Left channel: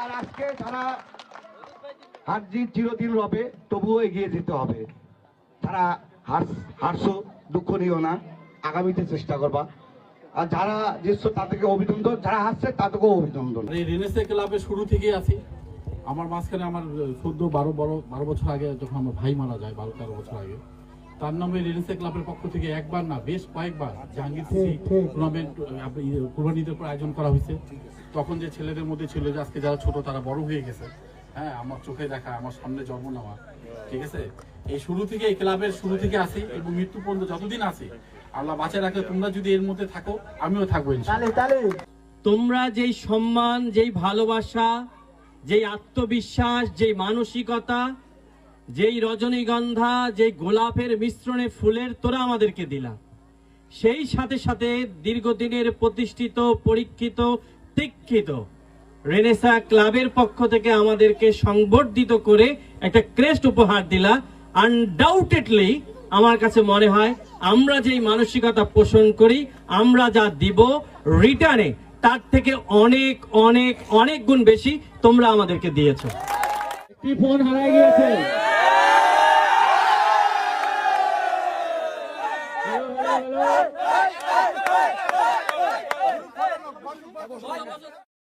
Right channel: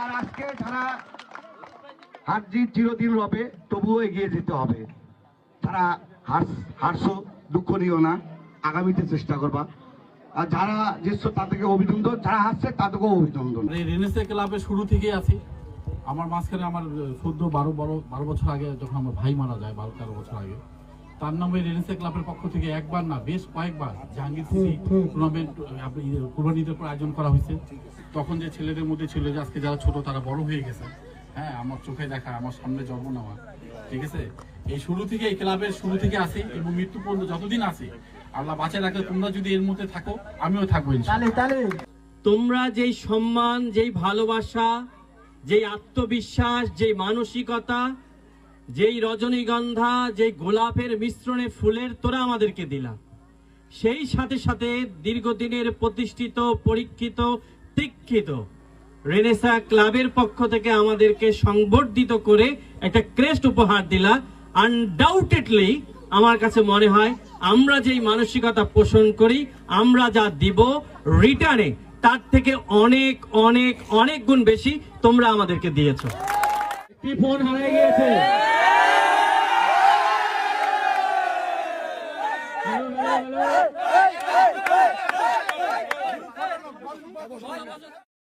আর আজকে যারা হার জিত চিরদিন রবে তবুও এগিয়ে যেতে হবে। তারা হারছো, দুঃখ নিও না, আগামীতে চেষ্টা করবা। আর যারা তাদেরকে অভিনন্দন। যারা হারছে তাদেরকেও অভিনন্দন। ক্লাবের শুরু থেকে আছি। আমার মাঝখানে আমার চোদ্দ, বারো বড় বারো বছর আগে যখন আমার ভাই মারা যায়, বারো, তেরো বছর আগে, তার নামে রেনেসে ক্লাবের পক্ষ থেকে একবার না, বেশ কয়েকবার জাহাঙ্গীর টুর্নামেন্ট কুরবানিদের পর আয়োজন করা হয়েছে। তখন যে ছেলেদের মধ্যে ছিল, যে আজকে যারা ছোট, তারা বড় হয়ে গেছে। হ্যাঁ আমার চোখে দেখা, আমার সামনে জন্ম নেওয়া, ঠিক আছে? এই শুরু থেকে এই ক্লাবের শুরু থেকে আসি এবং মৃত্যু পর্যন্ত যতদিন আছি আল্লাহ বাঁচায় রাখলে তোমরা যদি এর মধ্যে থাকো আমিও থাকব তোমরা যেই সম্মান যেই ভালোবাসা যেই আত্মবিশ্বাস যেই মানসিকতা যেই রজনীগন্ধা যেই গোলাপের মিশ্রণে ফুলের তোরা আমাদেরকে দিলা। সেই সাথে সাথে দীর্ঘদিনের প্রতিষ্ঠিত পরীক্ষিত দীক্ষিত রেনেসা ক্লাবের পক্ষ থেকে আমাদেরকে সংবর্ধিত করে একটা ক্রেস্ট উপহার দিলা। আনডাউটেডলি আমার কাছে মনে হয় আমরা যেই মানসিকতা পোষণ করি, আমরা যা দিব রিটার্নে তার থেকে অনেক অনেক অনেক গুণ বেশি তোমরা আমাদেরকে দিয়েছ। ফোন হারাই গিয়েছে?